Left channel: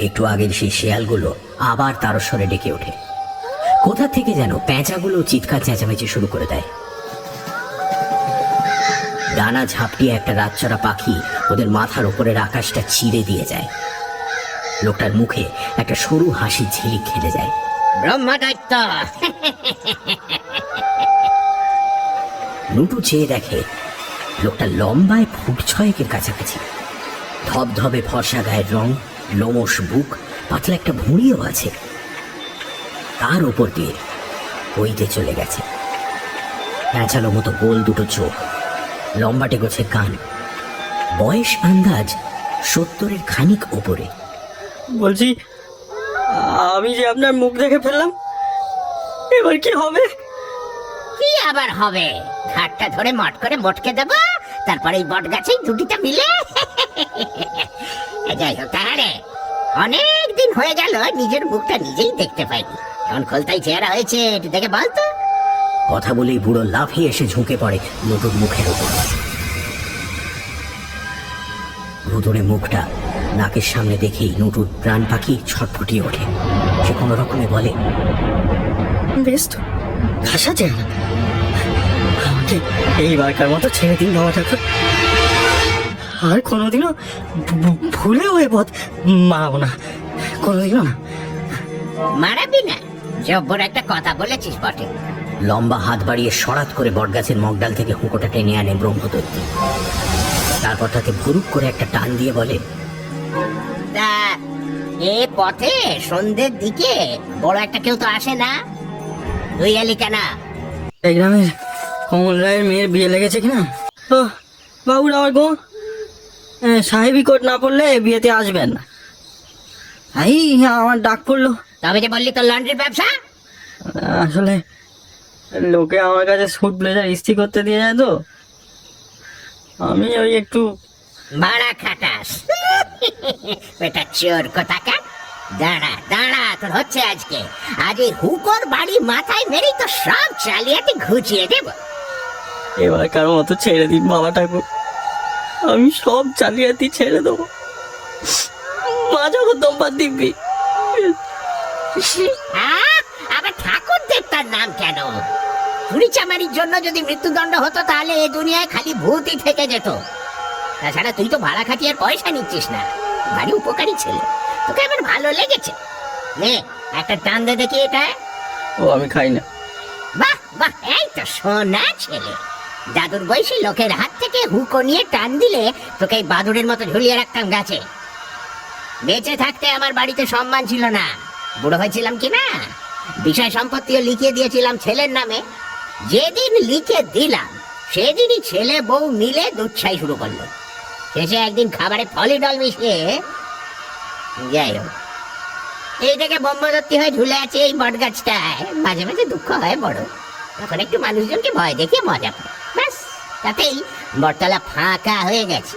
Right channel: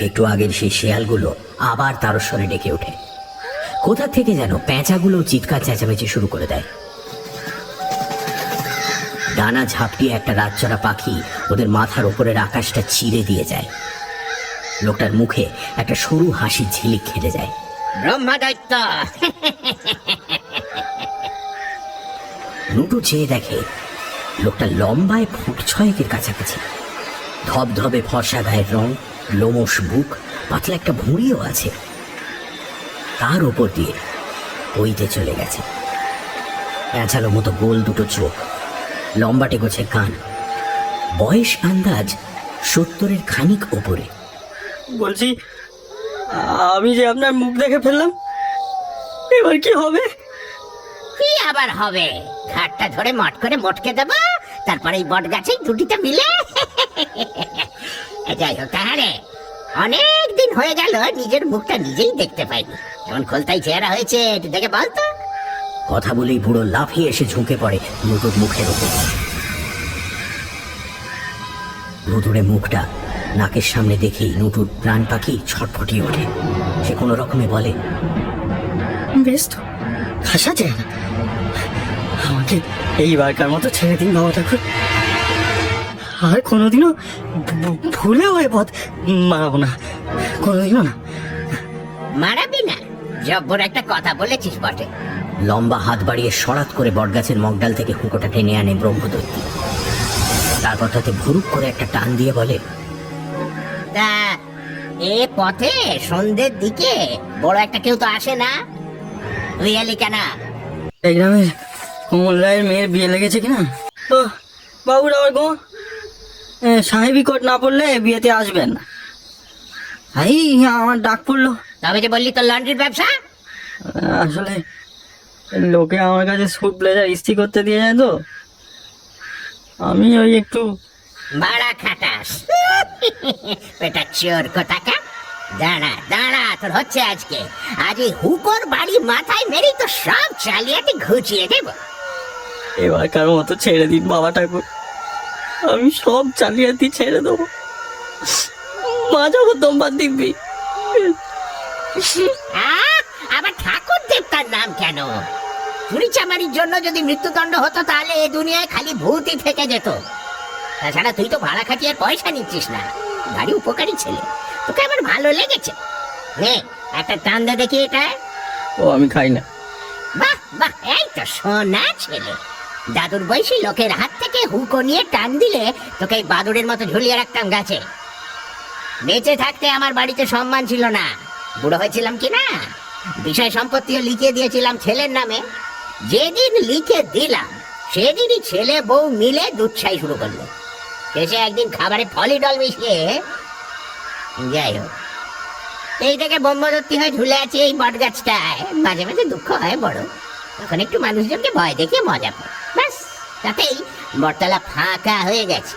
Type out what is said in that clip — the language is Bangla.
একটু আগের সেই শেয়ালগুলো আবার তারস্বরে ডেকে ওঠে। কোথা থেকে যেন প্যাঁচাগুলো চিৎকার চেঁচামেচি শুরু করে দেয়। ডানা ঝাপটিয়ে একটা রাতচরা পাখি ওদের মাথার উপরের আকাশটা চিরে দিয়ে যায়। লোকটার মুখে একটা সরু হাসি ঝিলিক খেতে যায়। ব্রহ্মদৈত্য! লুটু চেয়ে দেখে লোকটা লম্বায় ফুট ছয়েকের কাছাকাছি। ধবধবে ফর্সা গায়ের রং লোমস বুক পাতলা একটা ভুঁড়িও আছে। তার উপর দিয়ে ওইতে চলে গেছে। প্যাঁচালো মতো গোল দুটো চোখ লম্বাটে গোছে কান। বয়স আন্দাজ সত্তরের খানিক ওপরে। বলছি আমি যে আপনার মুখ দেখে ফেললাম এবার কি হবে? কি আবার হবে? ঘাটটা ধরে মট করে মটকে দেবো তারপরে এই বট গাছেই জুটিতে মিলে। যাই হোক তাহারে অনেক দিন হয়ে গেল নিজের মুখটা নিজেই দেখতে পাইনি। এমন খোলতাই চেহারা হয়েছে একটু দেখে বলতো কথা বলেই বুড়ো লাফিয়ে এসে ঝুঁকে পড়ে নতুন মুখের ওপর। মুখটা নাকের সামনে দেখেই নতুন প্রাণ পাখি ছটফটিয়ে ওঠে। সে কোনো রকমে বলে বেশ তো খাসা চেহারা এইবারকার মতো ছেড়ে দিন বাবা ঠাকুর। আর কোনোদিনও ভুলেও এ পথ মারাবো না। কোনোদিনও না। মারাবি না? জব্বর একটা কথা বলেছিস বটে। লম্বা হাত বাড়িয়ে সরাত করে বটগাছের মগডাল থেকে হুঁকোটা টেনে আনে ব্রহ্মদৈত্য তারপর তাকে ভুরুক করে একটা টান দিয়ে বলে তা এ পথে সন্ধ্যের দিকে বড় একটা কেউ তো আসে না? তুই এলি কেন? এই গ্রামের কমল রায়ের মেয়ের বিয়ে লেগেছে কিনা? তো বাবুর আবার গো? সাহেবি কোট না পড়লে বিয়েতে আসবেন। না এই আমার ডাক পড়ল। তবে যে বললি তোর লন্ড্রির ব্যবসা? আসলে লোকে আমার কাছে স্যুট ব্লেজার ইস্ত্রি করতে দিয়ে যায় তো। আমি ওই একটু ভাড়া খাটাস। বেটা চোর কোথাকার দাঁড়া দাঁড়া তোর হচ্ছে আজকে। আজ এই হুকোর বাড়ি মাথায় মেরে তো সব চালিয়াতে ঘুচিয়ে দেব। এবার কারও মতো ছেড়ে দিন বাবা ঠাকুর। আমি সব চালিয়াতি ছেড়ে দেবো। মা যখন তোমার দিব্যি। আহ, আবার ঠাকুর দেবতার নাম কেন? চুরি চামারির জন্য যদি মৃত্যুদণ্ড হতো তাহলে এই দুনিয়ায় খালি ভূতই থেকে যেত। তাছাড়া তুই তো ভাড়া খাটিয়ে পয়সা নিচ্ছিস না। ভারী উপকারী ছেলে। তোকে আমার ভালো লেগেছে। নে একটা টান দে দেখি এটা ও আমি খাই না। বাহ বাহ এই তো সোনা ছেলে। দাদুর বয়সী লোকের হাত থেকে হুকো নিয়ে টান দিলে তোকে বাদুড়ের মতো ঝুলিয়ে রাখতাম গাছে। বেঁচে থাকতে আমার বাড়িতে সম্মান ছিল না। বুড়ো হয়েছিলাম কি না? বিষয় সম্পত্তিও লিখিয়ে দিয়েছিলাম ছেলের নামে। যেদিন লিখে দিলাম, সেদিনই ছেলে বউ মিলে দুচ্ছাই শুরু করল। শেষে একদিন খাবারে ফলিডল মিশিয়ে যাই হোক। এই থেকে ব্রহ্মদত্তি হয়ে ঝুলে আছে এই বট গাছটায় মাঝে মাঝে দুঃখ হয় বড়। তখন একটু মানুষজনকে ভয় দেখিয়ে মজা পায়। তাতেই বটতলা ফাঁকা হয়ে গেছে।